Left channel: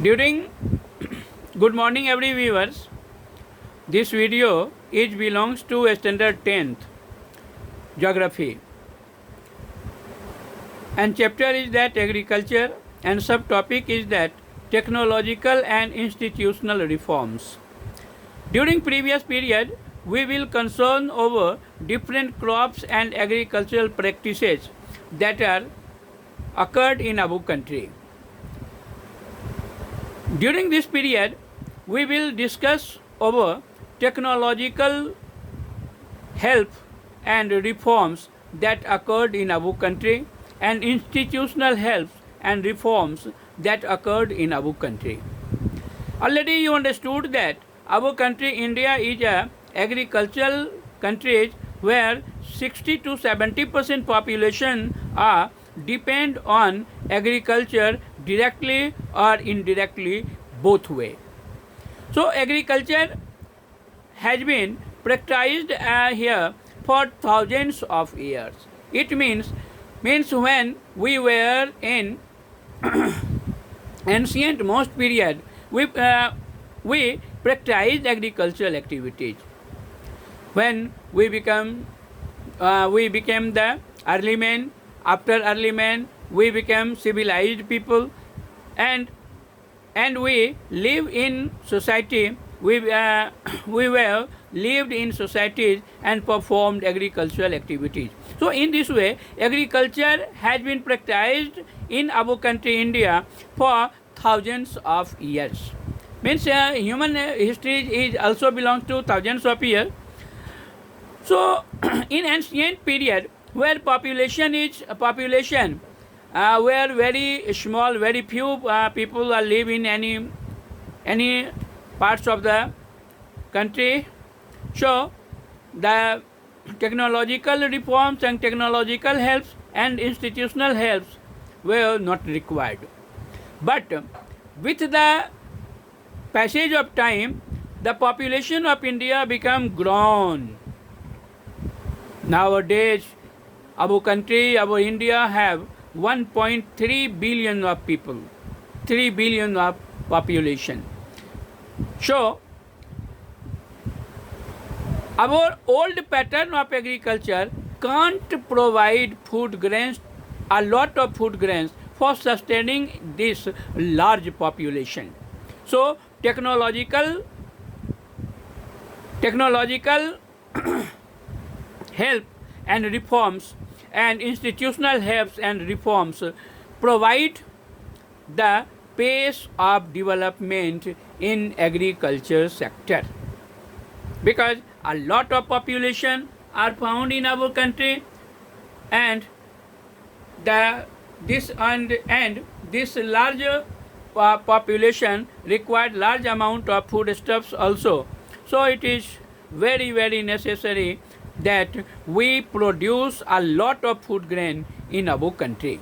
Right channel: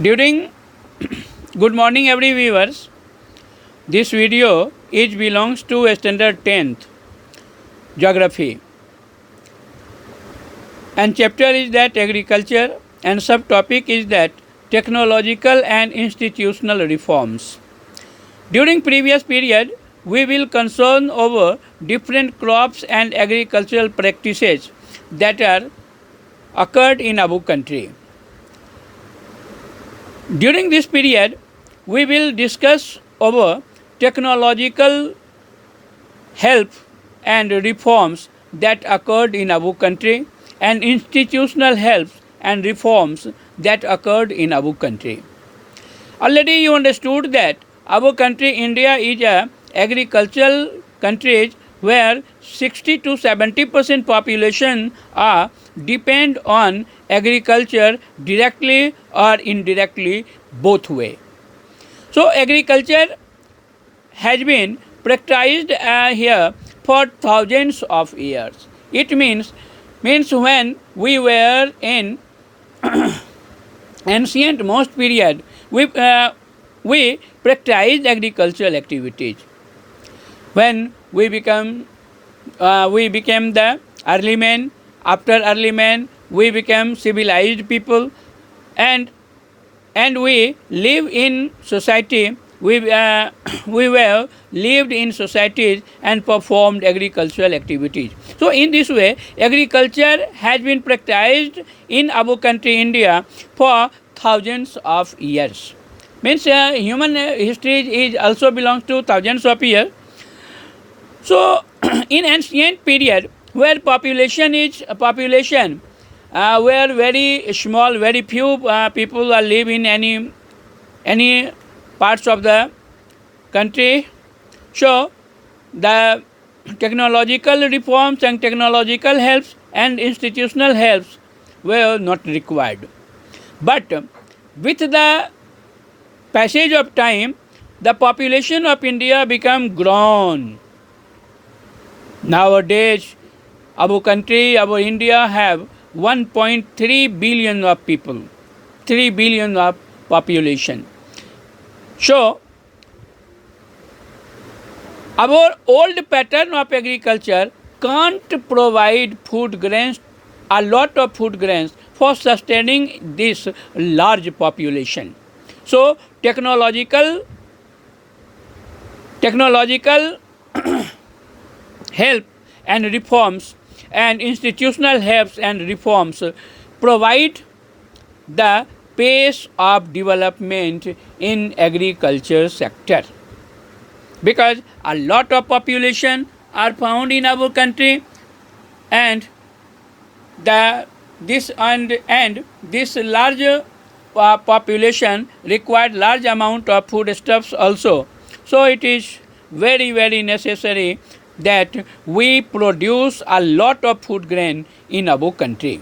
During good morning every viewers. This video belongs to standard 10th geography and chapter is that agriculture and subtopic is that technological and institutional reforms. During previous period we will concern over different crops and agricultural practices that are occurred in our country. During this period, we will discuss over technological help and reforms that occurred in our country and institutional help and reforms that occurred in our country. Already you understood that our country India is a agricultural country where 60 to 70% population are depend on agriculture directly or indirectly both way. So agriculture has been practiced here for thousands of years. It means when we were in ancient most period we practiced agricultural activities. When we became the early men. After early man, we became civilized people, and we live in society. We were lived in societies and performed agricultural activities. So in this way, agriculture has been practiced in our country India for thousands of years. Means human history is also belongs to thousands of years. So in ancient period, where population where very small, very few people are live in any parts of the country. So the technological reforms and technological helps and institutional helps were not required. But with the passage of time, the population of India became grown. Nowadays, our country, our India have 1.3 billion of people, 3 billion of population. So, our old pattern of agriculture can't provide food grains, a lot of food grains for sustaining this large population. So, technological help and reforms and institutional helps and reforms provide the pace of development in agriculture sector, because a lot of population are found in our country and this large population required large amount of foodstuffs also. So it is very necessary that we produce a lot of food grain in our country.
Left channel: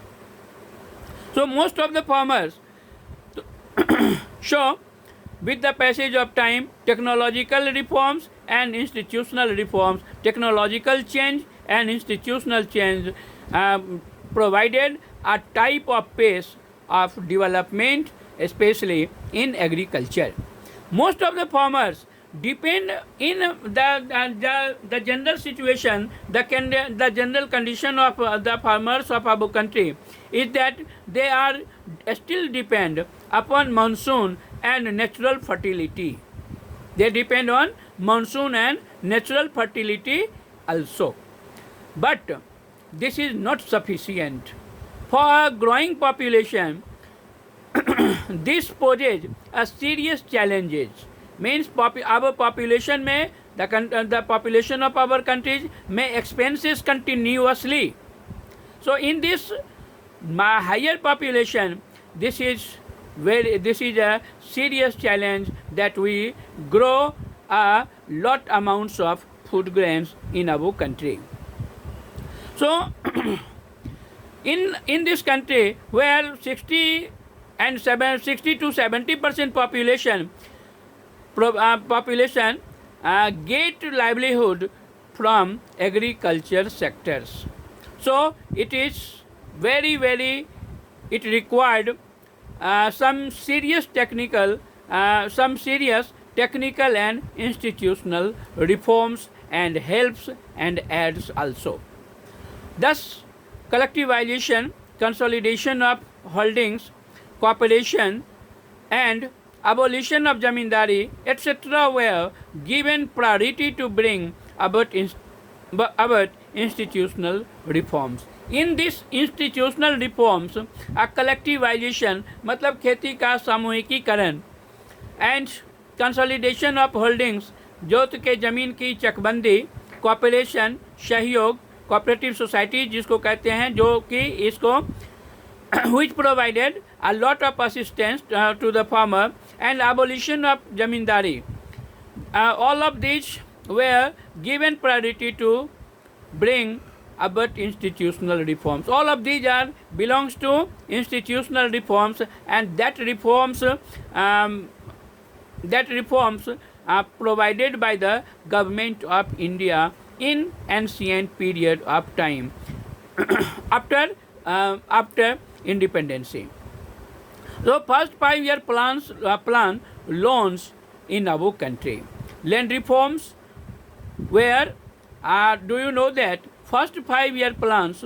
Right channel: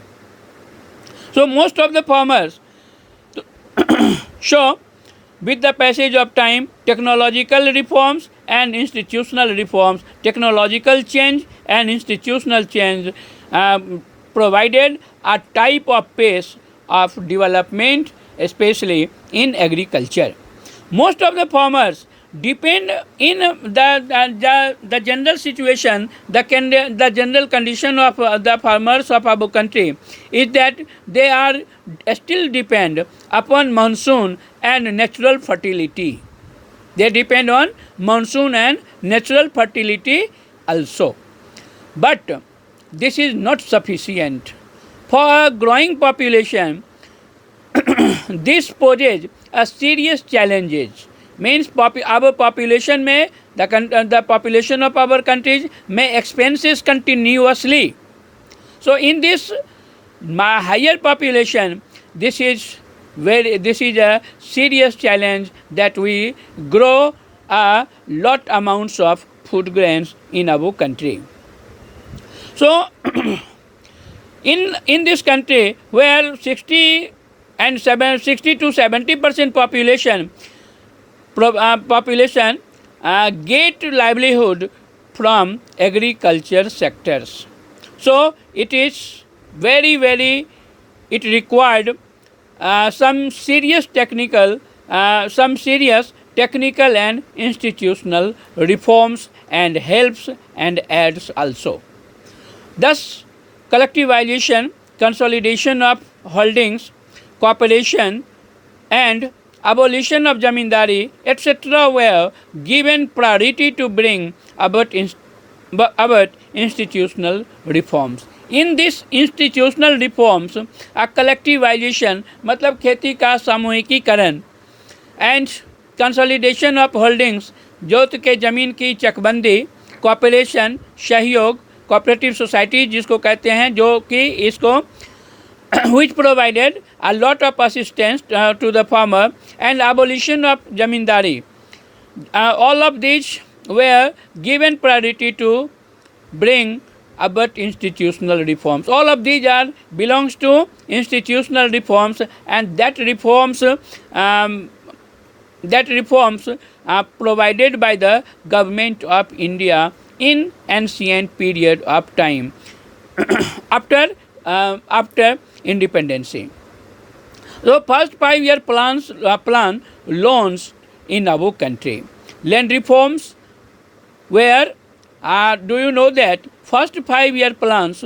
So most of the farmers, so with the passage of time, technological reforms and institutional reforms, technological change and institutional change provided a type of pace of development, especially in agriculture. Most of the farmers depend in the general situation, the general condition of the farmers of our country is that they are still depend upon monsoon and natural fertility. They depend on monsoon and natural fertility also. But this is not sufficient. For a growing population, this poses a serious challenges. Means our population may the population of our countries may expenses continuously. So in this higher population, this is a serious challenge that we grow a lot amounts of food grains in our country. So in this country where 60 to 70% population get livelihood from agriculture sectors. So it is it required some serious technical and institutional reforms and helps and adds also. Thus, collectivization, consolidation of holdings, cooperation, and abolition of zamindari, etc., were given priority to bring about institutional reforms. In this institutional reforms, a collectivization मतलब खेती का सामूहिकीकरण and consolidation of holdings जोत के ज़मीन की चकबंदी, cooperation सहयोग, cooperative society जिसको कहते हैं, जो कि इसको which provided a lot of assistance to the farmer, and abolition of zamindari. All of these were given priority to bring about institutional reforms. All of these are belongs to institutional reforms, and that reforms are provided by the government of India in ancient period of time after independence. So first 5-year plan launched in our country. Land reforms where do you know that first 5-year plans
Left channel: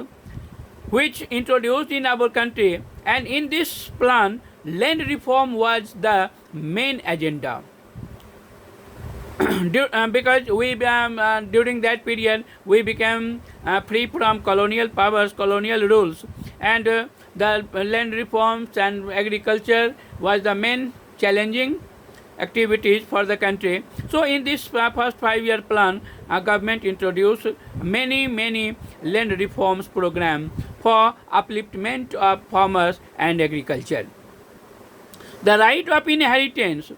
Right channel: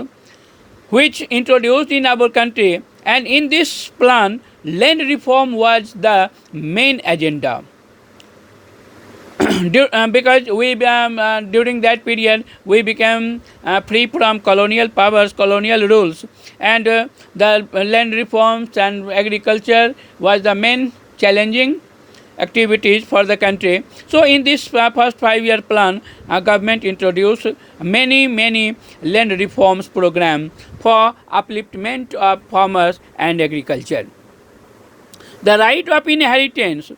which introduced in our country, and in this plan land reform was the main agenda. Because we during that period we became free from colonial powers, colonial rules, and the land reforms and agriculture was the main challenging activities for the country. So in this first 5-year plan, our government introduced many land reforms program for upliftment of farmers and agriculture. The right of inheritance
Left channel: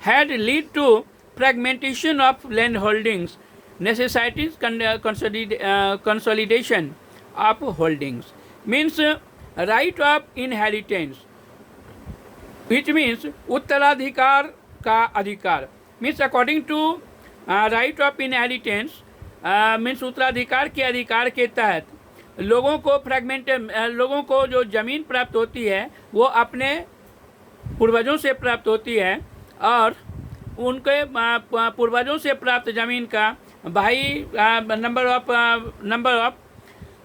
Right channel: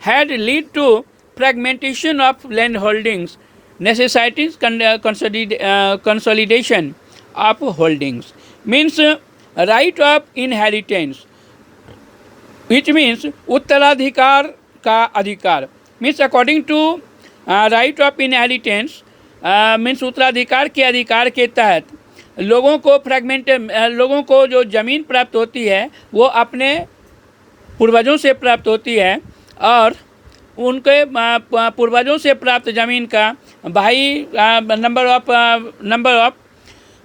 had led to fragmentation of land holdings, necessitates consolidation of holdings. Means right of inheritance, which means उत्तराधिकार का अधिकार. Means according to right of inheritance, means उत्तराधिकार के अधिकार के तहत लोगों को जो ज़मीन प्राप्त होती है वो अपने पूर्वजों से प्राप्त होती है, और उनके पूर्वजों से प्राप्त ज़मीन का भाई number of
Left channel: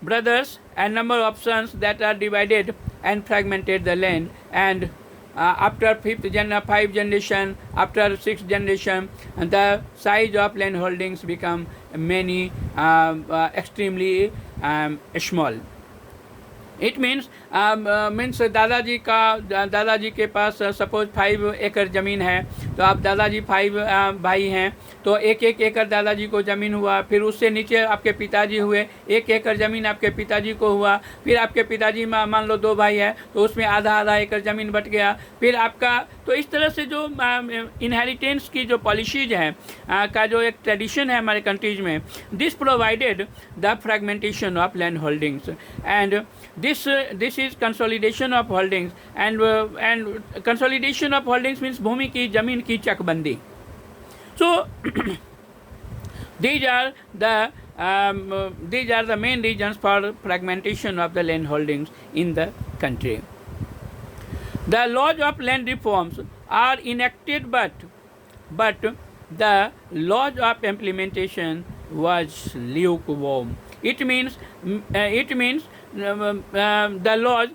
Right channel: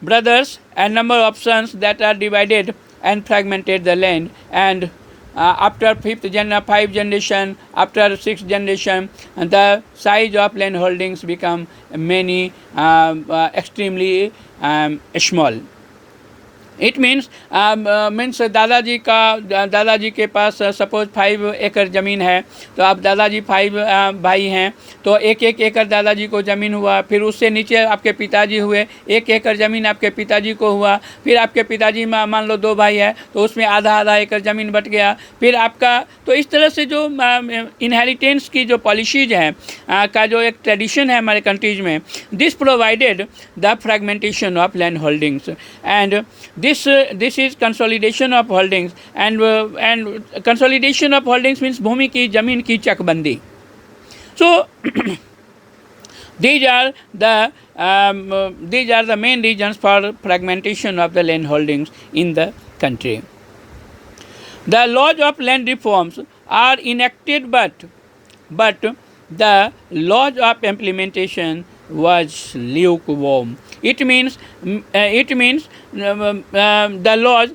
brothers and number of sons that are divided and fragmented the land, and after 5th generation, after 6th generation, and the size of land holdings become many extremely small. It means दादाजी के पास suppose 5 एकड़ ज़मीन है, तो आप दादाजी 5 भाई हैं, तो 1 एकड़ दादाजी को ज़मीन हुआ, फिर उससे नीचे आपके पिताजी हुए, 1 एकड़ ज़मीन आपके पिताजी को हुआ, फिर आपके पिताजी मान लो 2 भाई है तो उसमें आधा एकड़ ज़मीन बट गया, फिर आपका। तो इस तरह से जो इनहेरिटेंस की जो पॉलिसीज हैं का जो एक ट्रेडिशन है हमारे कंट्रीज में, this provided the fragmentation of land holdings, and this is consolidation of holdings, and consolidation of holdings means भूमि की ज़मीन की चकबंदी. So these are the main reasons for fragmentation of the land holdings in the country. The laws of land reforms are enacted, but the laws of implementation was lukewarm. It means the laws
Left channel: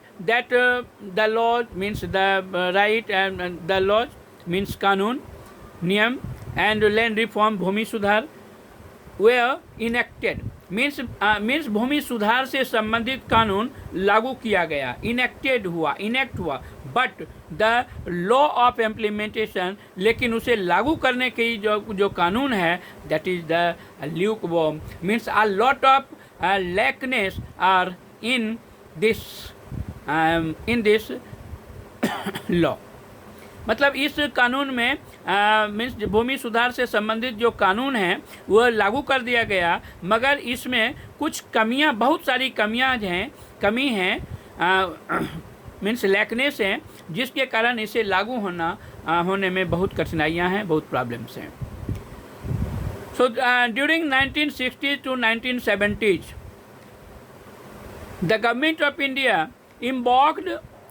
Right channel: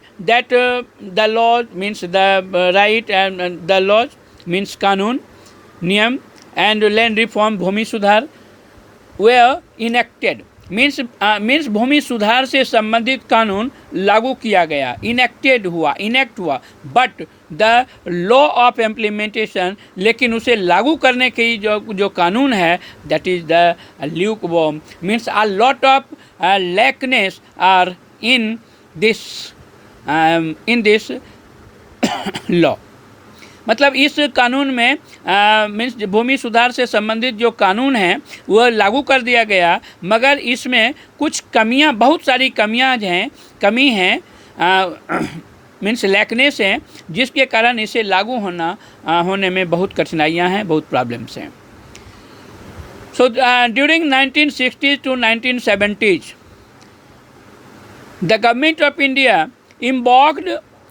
means the right, and the laws means कानून, नियम, and land reform भूमि सुधार were enacted. means भूमि सुधार से संबंधित कानून लागू किया गया, इनेक्ट हुआ, but the law of implementation, लेकिन उसे लागू करने की जो कानून है, that is the lukewarm. Means a lot of laxness are in this law. मतलब इस कानून में मीन्स भूमि सुधार से संबंधित जो कानून है वह लागू कर दिया गया, मगर इसमें कुछ कमियां, बहुत सारी कमी हैं मीन्स लैकनेस हैं, जिसके कारण इसे लागू होने में बहुत कठिनाइयां हैं, बहुत प्रॉब्लम्स हैं. So during 1960s to 1970s, the government of India embarked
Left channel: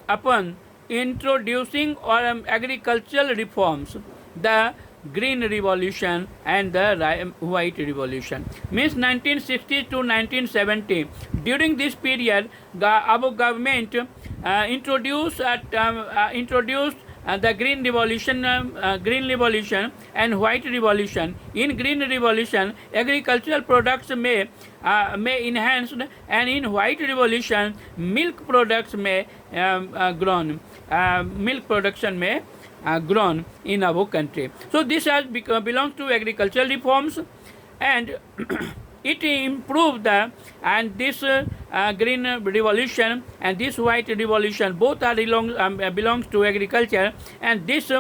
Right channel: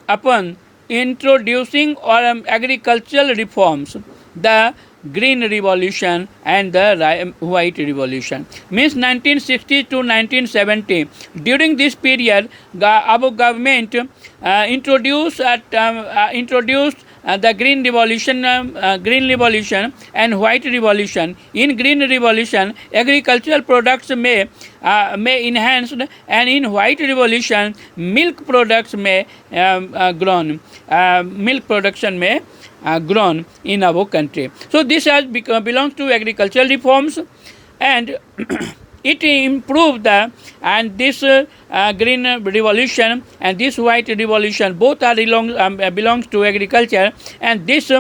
upon introducing agricultural reforms, the Green Revolution and the White Revolution. Means 1960 to 1970. During this period, our government introduced the Green Revolution and White Revolution. In Green Revolution, agricultural products may enhanced, and in White Revolution, milk products may grown. Milk production may grown in our country. So this has belongs to agricultural reforms, and it improved this green revolution and this white revolution both are belongs to agriculture, and this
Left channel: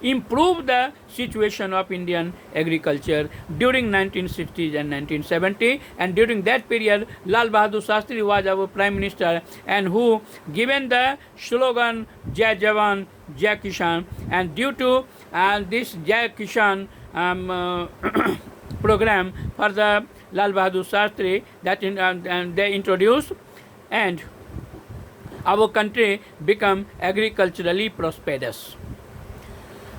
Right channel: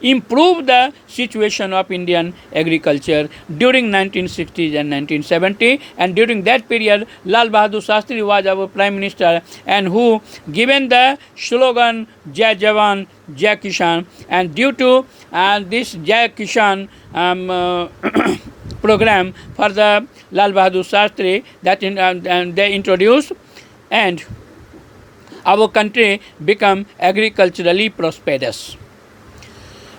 improved the situation of Indian agriculture during 1960s and 1970. And during that period, Lal Bahadur Shastri was our prime minister, and who given the slogan Jai Jawan Jai Kishan. And due to this Jai Kishan program for the Lal Bahadur Shastri that they introduced, and our country become agriculturally prosperous,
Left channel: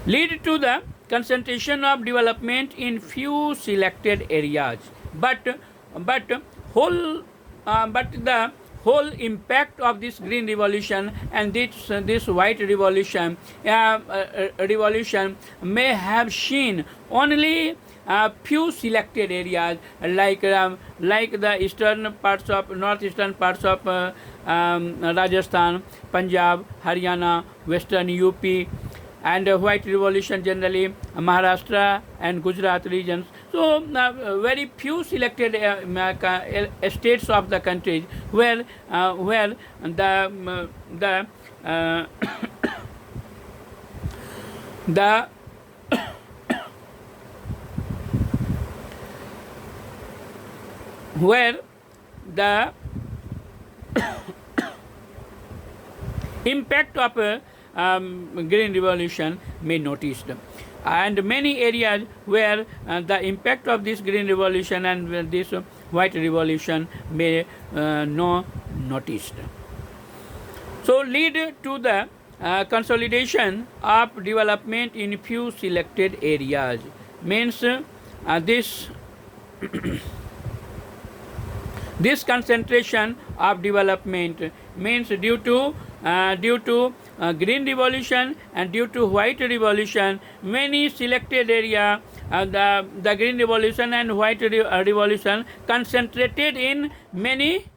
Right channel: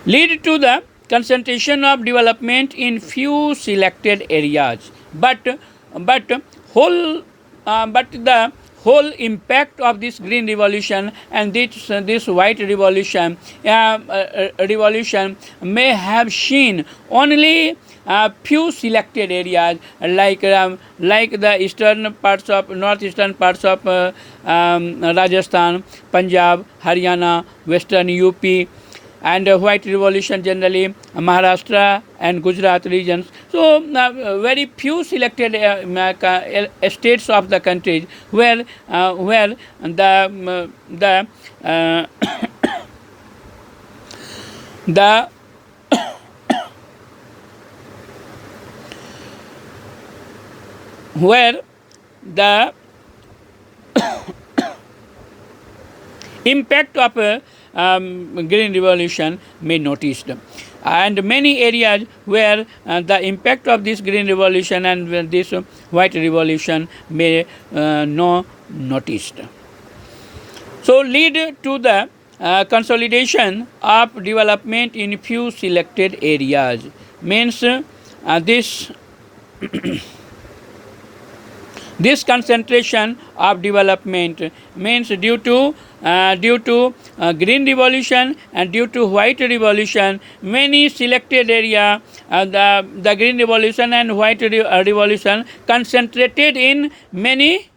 lead to the concentration of development in few selected areas, but the whole impact of this green revolution and this white revolution may have seen only few selected areas like the eastern parts of northeastern parts of Rajasthan, Punjab, Haryana, western UP, and white revolution generally Maharashtra and Gujarat regions. So very few selected states of the country where the where the impact of green revolution may noticed, and many areas where the impact of this green revolution and this white revolution may no noticed. So lead to the consolidation of development in few selected areas. Means this this concentration of development means due to green revolution and due to white revolution, many selected area the green revolution and white revolution concentrated in many